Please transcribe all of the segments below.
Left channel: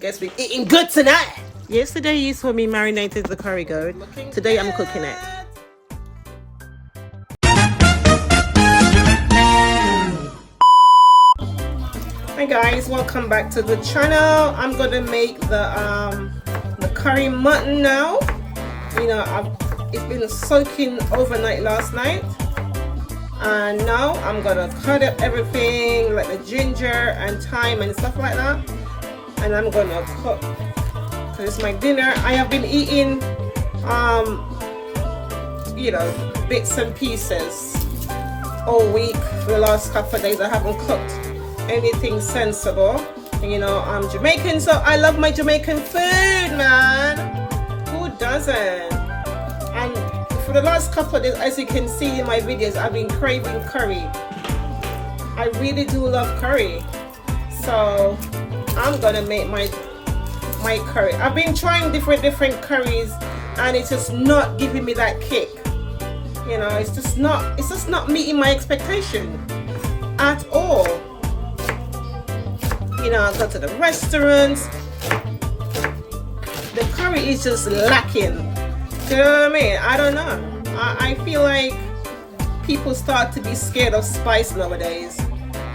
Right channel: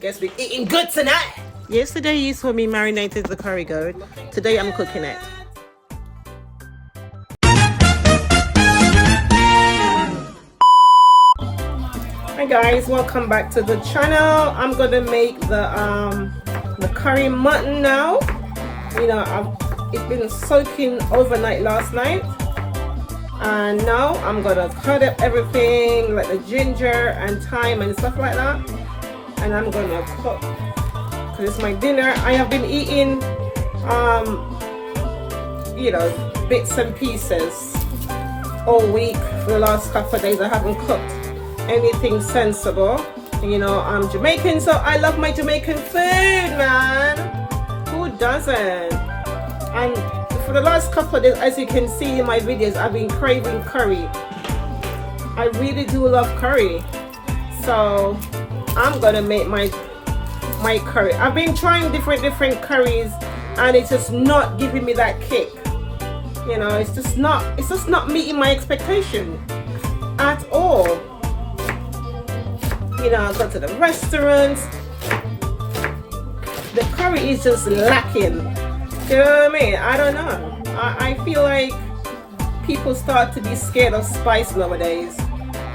Guess we're eating good tonight. Yesterday you saw me marinated the curry goat. Today I'm cooking it. Hi guys, welcome back to the channel. I'm gonna make the curry mutton now. You know, it's been soaking overnight last night, and now I'm gonna cut up everything like the ginger and thyme and stuff like that, and I'm gonna cook because it's my dinner. I have been eating you know, bits and pieces all week for the last couple of days. I haven't cooked anything sensible. And, you know, I'm Jamaican, so I love my Jamaican food, man. Who doesn't? And for the last couple of days, as you can see in my videos, I've been craving curry. I really do love curry, so I'm gonna make my curry. I've been trying different curries, and it's just not giving me that kick. You know, it's just not meeting my expectation at all. You know, I go to the restaurants, the curry is just lacking. You know what I mean? I don't know. I feel like people start to be scared of spice nowadays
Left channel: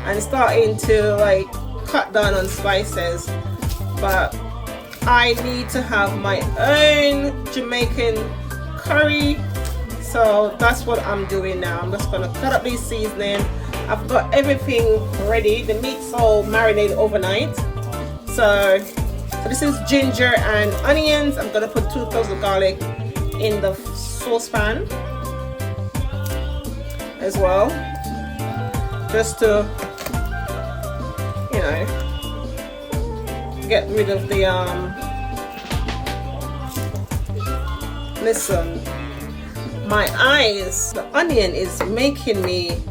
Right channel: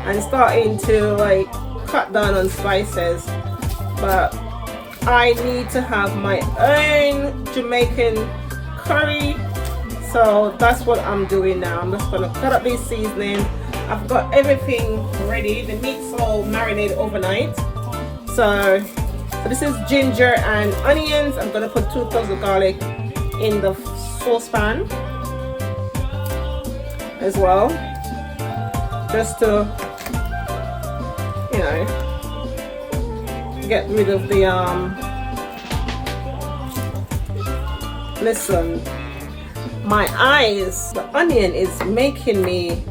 and starting to like cut down on spices. But I need to have my own Jamaican curry. So that's what I'm doing now. I'm just gonna cut up this seasoning. I've got everything ready. The meat's all marinated overnight. So this is ginger and onions. I'm gonna put 2 cloves of garlic in the saucepan as well, just to, you know, get rid of the listen, my eyes, the onion is making me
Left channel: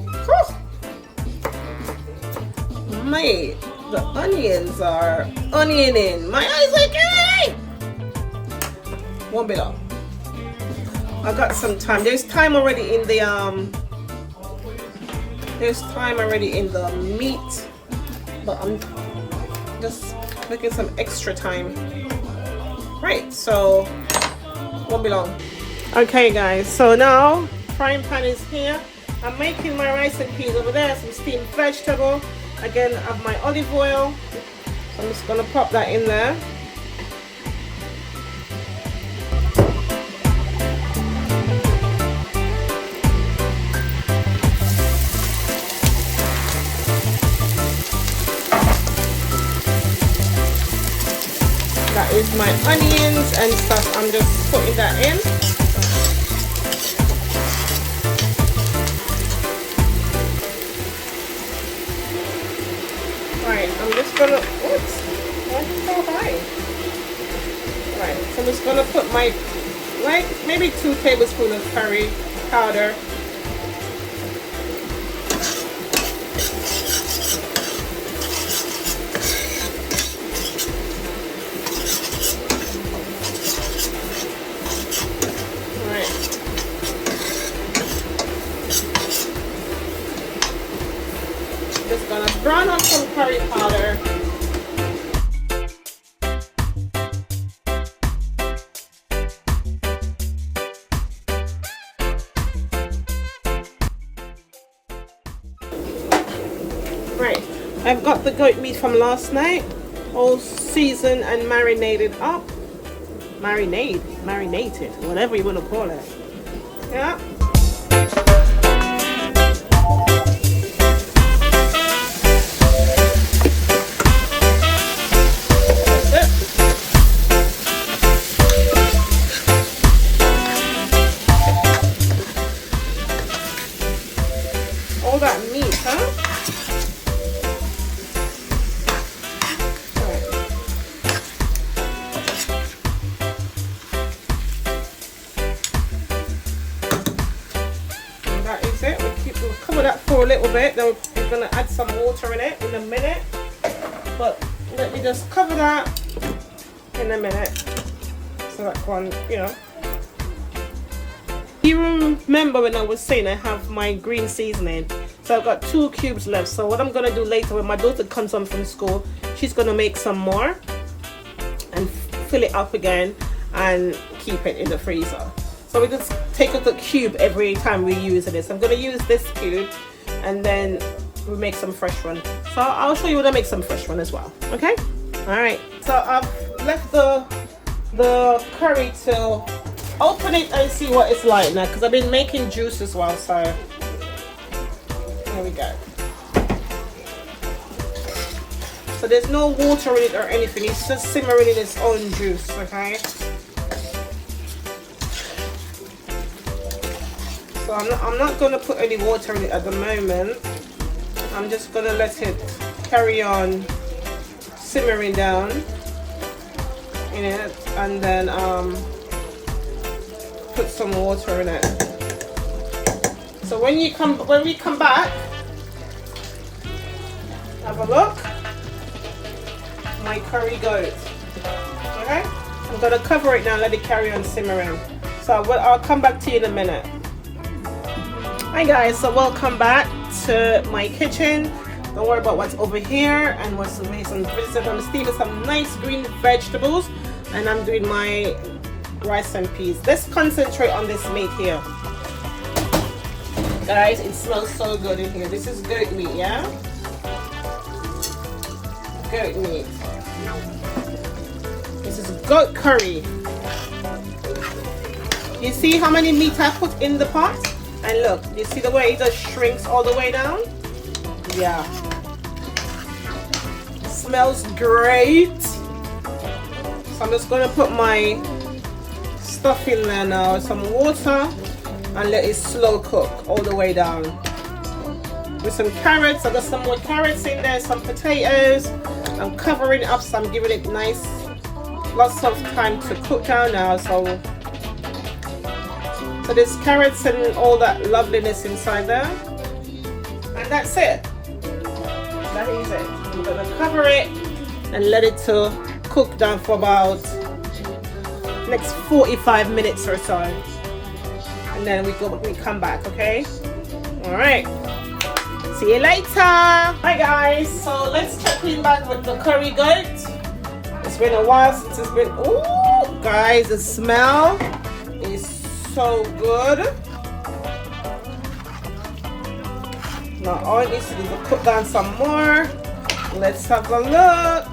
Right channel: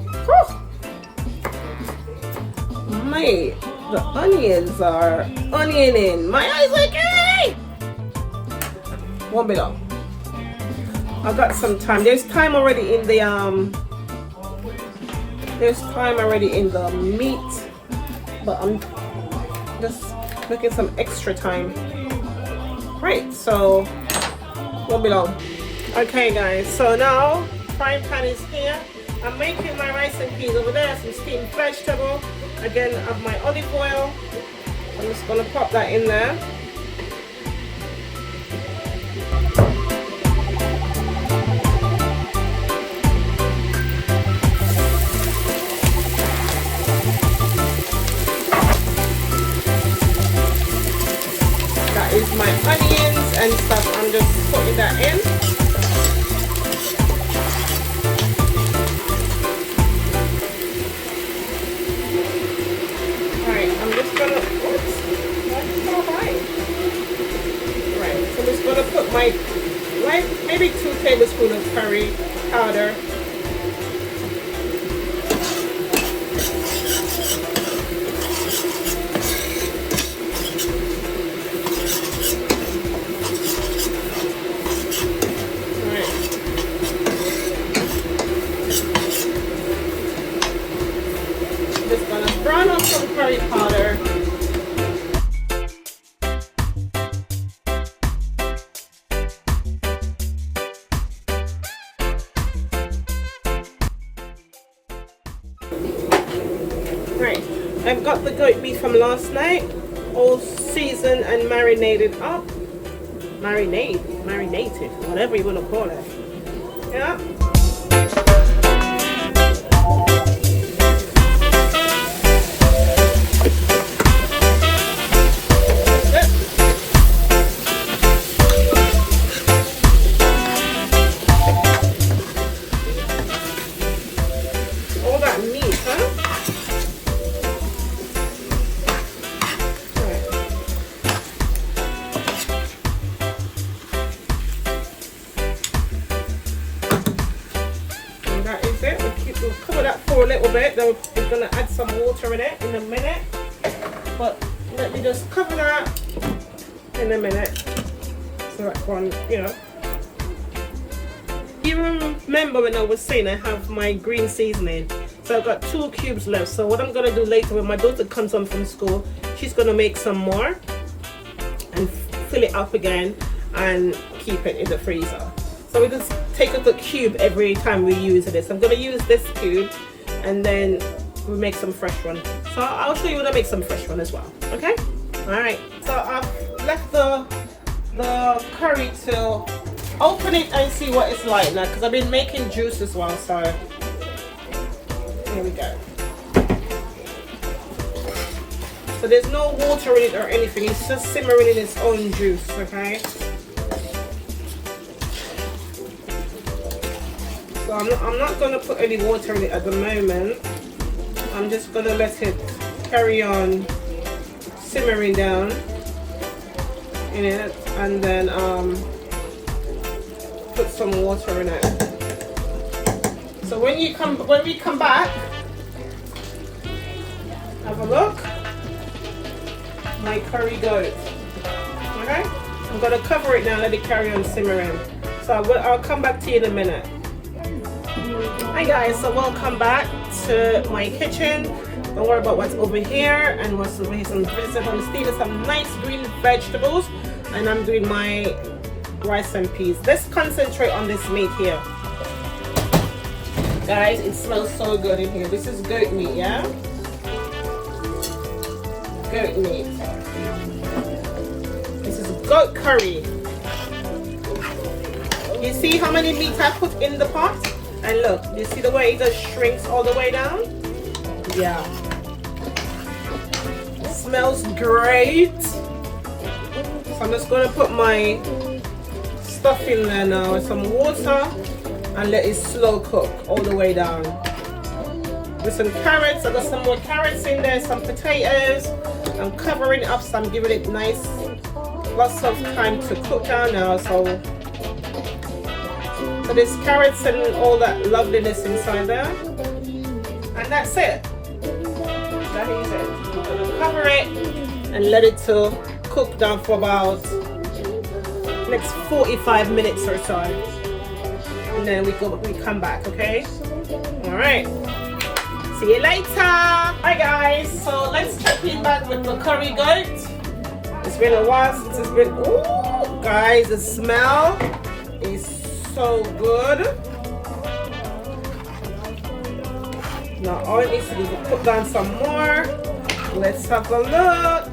mate, the onions are onioning. My eyes are okay. Won't be long. I got some time. There's time already in the meat, but I'm just looking some extra time. Right, so won't be long. Okay guys, so now frying pan is here. I'm making my rice and peas over there, some steamed vegetable. Again, I have my olive oil. I'm just gonna pop that in there. That is my onions and stuff. I'm just putting that in. Maybe 2 tablespoons of curry powder. Just gonna brown up some curry powder. I've got the goat meat from last night, all seasoned and marinated up. Marinated, whatever you want to call it. Yeah. All that meat, huh? Cover that for a little bit, then we're going to add some water in it in a minute. But you just cover that in a minute. So that's one, you know. You remember when I was saying I have my green seasoning? So I've got 2 cubes left. So what I'm going to do later when my daughter comes home from school, she's going to make some more. fill it up again and keep it in the freezer. So we just take a good cube every time we use this. I'm going to use this cube and then we make some fresh one. So I'll show you when I make some fresh one as well. Okay? Alright. So I've left the curry to open it and see what it's like now, because I've been making juice as well. So here we go. So there's no water in it or anything, it's just simmering in its own juice, okay? So I'm not going to put any water in it at the moment. I'm just going to let it carry on simmering down in it, and then put some water in it. So when we come back, have a look. My curry goat. Okay, I'm gonna cover it now, let it carry on simmering. So I'll come back to you in a minute. Hi guys, so welcome back to my kitchen. Don't worry about what's over here and what's over here. Some vegetables. I'm stealing some nice green vegetables, and I'm doing my rice and peas. Let's concentrate on this meat here, guys. It smells so good in here. This is goat meat, yeah. Goat meat. This is goat curry. You see how many meat I put in the pot? And look, you see the way it just shrinks all the way down? Yeah. It smells great. So I'm just gonna put my stuff in there now, some water, and let it slow cook all the way down. With some carrots, I got some more carrots in there, some potatoes. I'm covering it up, so I'm giving it nice, lots of time to cook down now. So there's carrots and all that loveliness inside there, and that's it. That is it. I'm gonna cover it and let it to cook down for about next 45 minutes or so, and then we come back. Okay. All right. See you later. Hi guys, so let's check in back with the curry goat. It's been a while since it's been. Ooh, guys, the smell is so good. Now all it needs to do is put down some more. Let's have a look.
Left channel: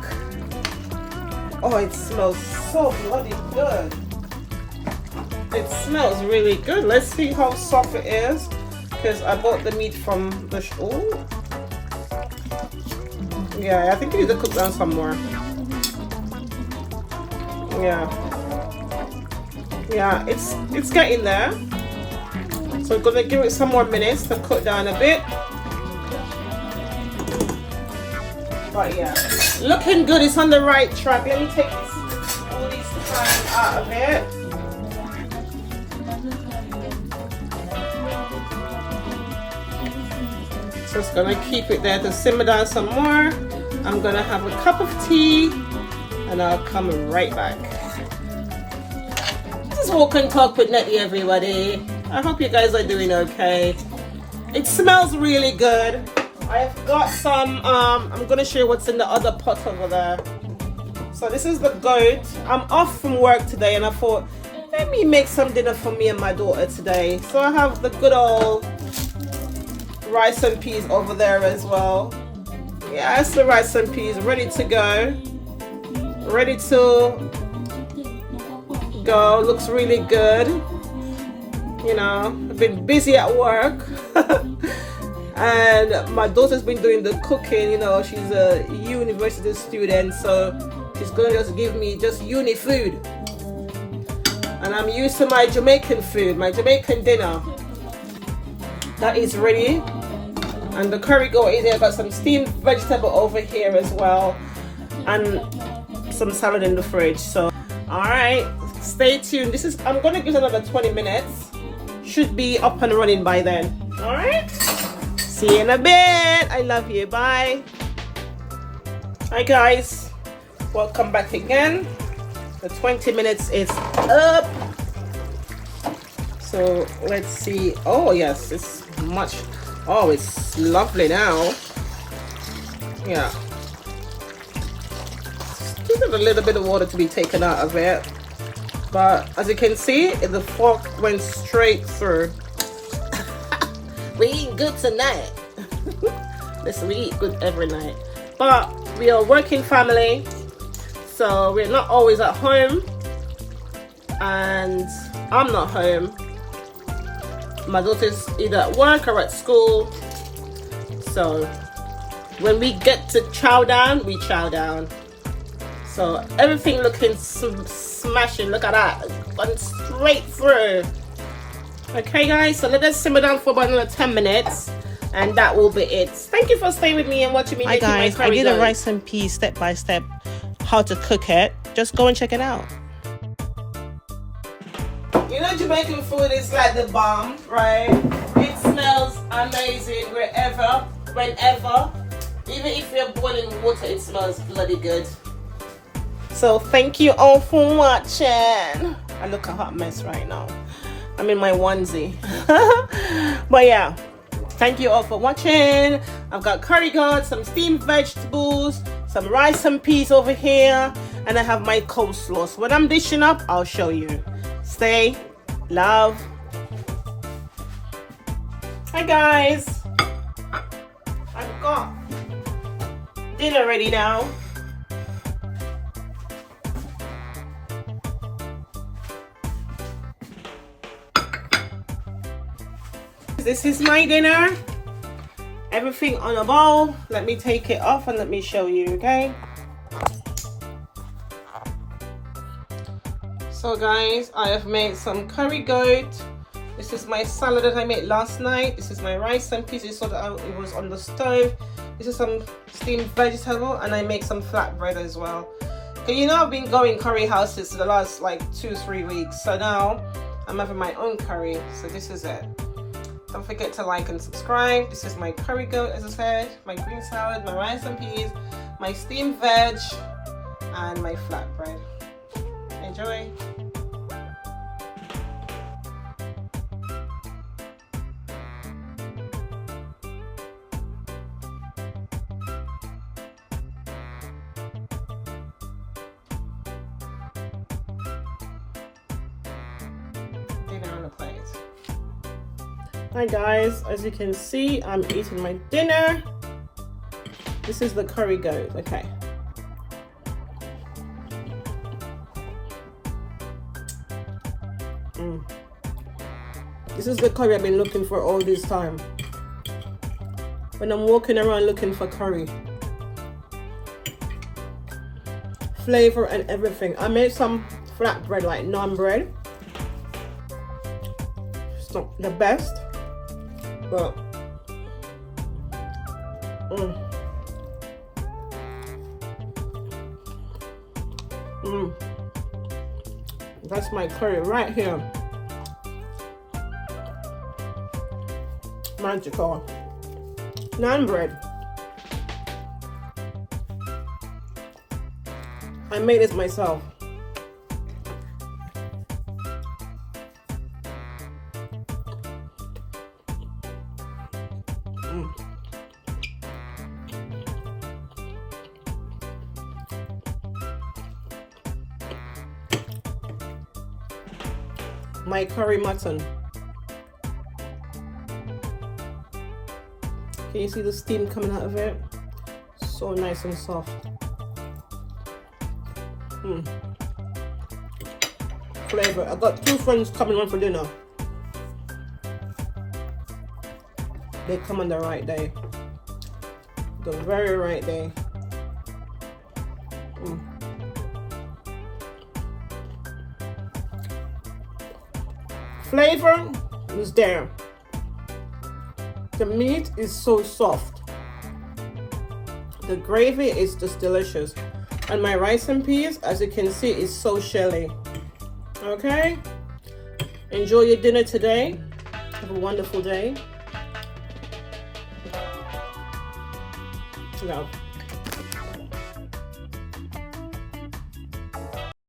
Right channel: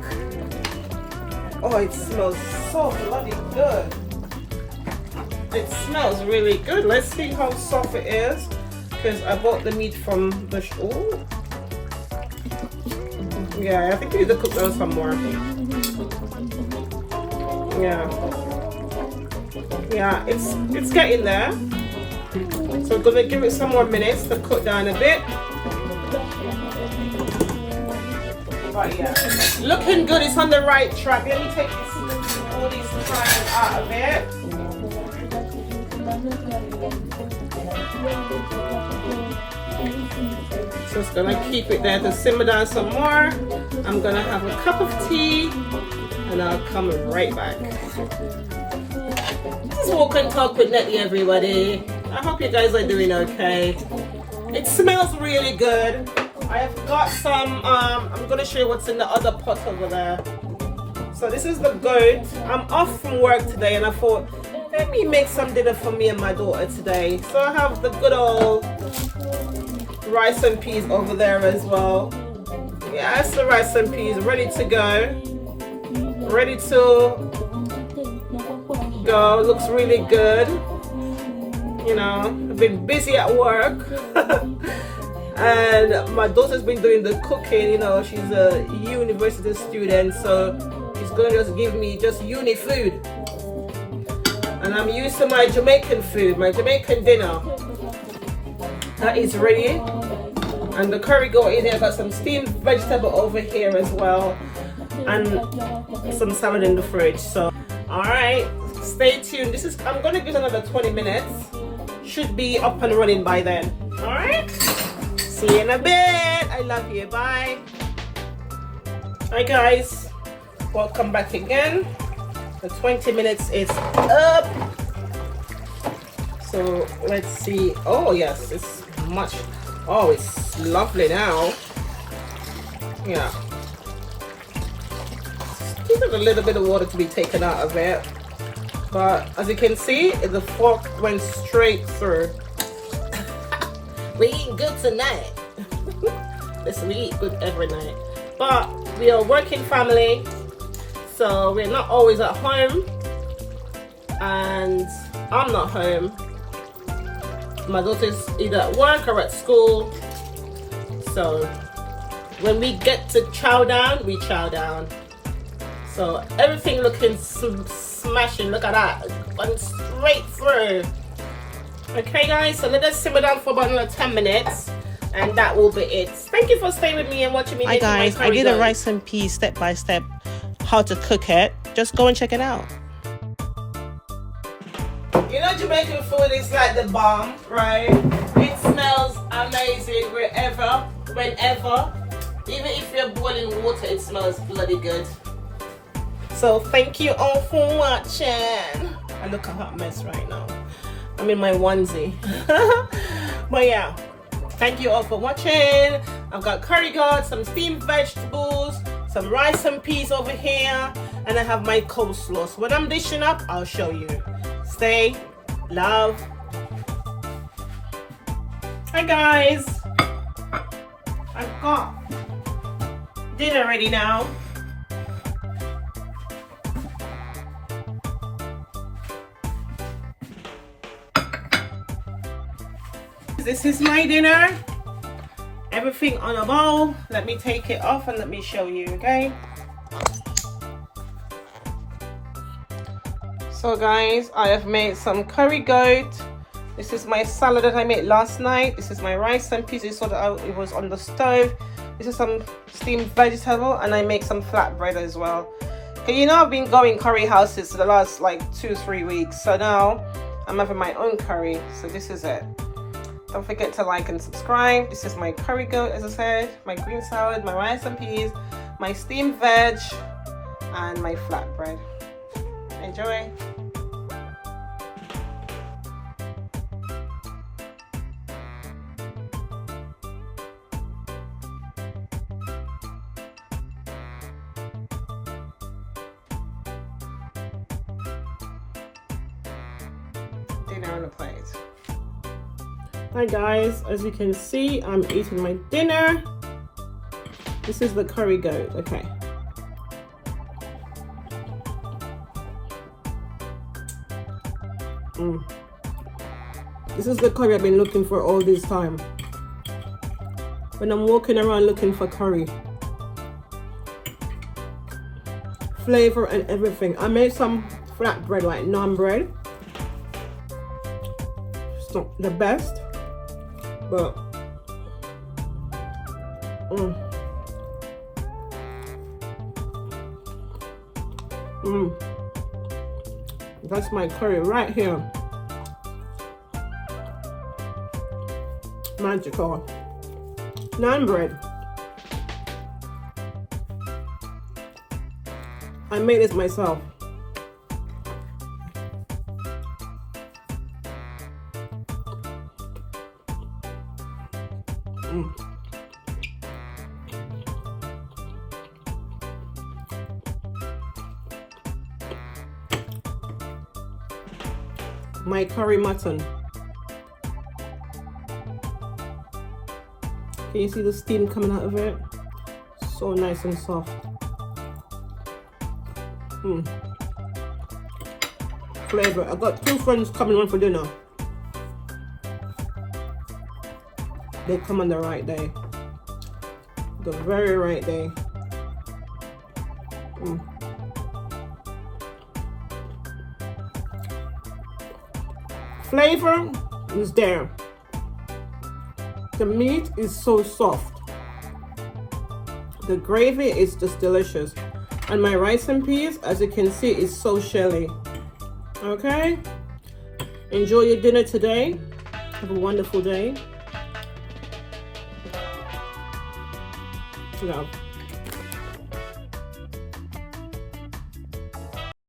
Oh, it smells so bloody good. It smells really good. Let's see how soft it is, because I bought the meat from the oh. Yeah, I think we need to cook down some more. Yeah, it's getting there. So we're gonna give it some more minutes to cook down a bit. But yeah, looking good. It's on the right track. Let me take all these fries out of it. So it's gonna keep it there to simmer down some more. I'm gonna have a cup of tea and I'll come right back. This is Walk and Talk with Nettie, everybody. I hope you guys are doing okay. It smells really good. I have got some, I'm gonna show you what's in the other pot over there. So this is the goat. I'm off from work today and I thought, let me make some dinner for me and my daughter today. So I have the good old rice and peas over there as well. Yeah, it's the rice and peas ready to go. Ready to go. Looks really good. You know, I've been busy at work. And my daughter's been doing the cooking. You know, she's a university student, so she's going to just give me just uni food. And I'm used to my Jamaican food, my Jamaican dinner. That is ready. And the curry goat in there. Got some steamed vegetable over here as well, and some salad in the fridge. So, all right, stay tuned. I'm gonna give it another 20 minutes. Should be up and running by then. All right. See you in a bit. I love you. Bye. Hi guys. Welcome back again. The 20 minutes is up. So let's see. Oh yes, it's much. Oh, it's lovely now. Yeah. Just a little bit of water to be taken out of it. But as you can see, the fork went straight through. We eat good tonight. Listen, we eat good every night. But we are a working family, so we're not always at home. And I'm not home. My daughter's either at work or at school. So when we get to chow down, we chow down. So everything looking smashing. Look at that. Gone straight through. Okay guys, so let us simmer down for about another 10 minutes. And that will be it. Thank you for staying with me and watching me. Hi guys, I did a rice and peas step by step how to cook it. Just go and check it out. You know, Jamaican food is like the bomb, right? It smells amazing wherever, whenever. Even if you're boiling water, it smells bloody good. So thank you all for watching. I look a hot mess right now. I'm in my onesie. But yeah, thank you all for watching. I've got curry goat, some steamed vegetables, some rice and peas over here, and I have my coleslaw. So when I'm dishing up, I'll show you. Stay, love. Hi guys, I've got dinner ready now. This is my dinner. Everything on a bowl. Let me take it off and let me show you, okay? So guys, I have made some curry goat. This is my salad that I made last night. This is my rice and peas. You saw that it was on the stove. This is some steamed vegetable, and I make some flatbread as well. Okay, you know I've been going curry houses for the last like 2-3 weeks. So now I'm having my own curry. So this is it. Don't forget to like and subscribe. This is my curry goat, as I said, my green salad, my rice and peas, my steamed veg, and my flatbread. Enjoy. Dinner on a plate. Hi guys, as you can see, I'm eating my dinner. This is the curry goat, okay. This is the curry I've been looking for all this time. When I'm walking around looking for curry. Flavor and everything. I made some flatbread, like naan bread. It's not the best, but that's my curry right here. Magical. Naan bread. I made this myself. My curry mutton. Can you see the steam coming out of it? So nice and soft. Flavor. I got 2 friends coming on for dinner. They come on the right day. The very right day. Flavor is there. The meat is so soft. The gravy is just delicious. And my rice and peas, as you can see, is so shelly. Okay? Enjoy your dinner today. Have a wonderful day. Love.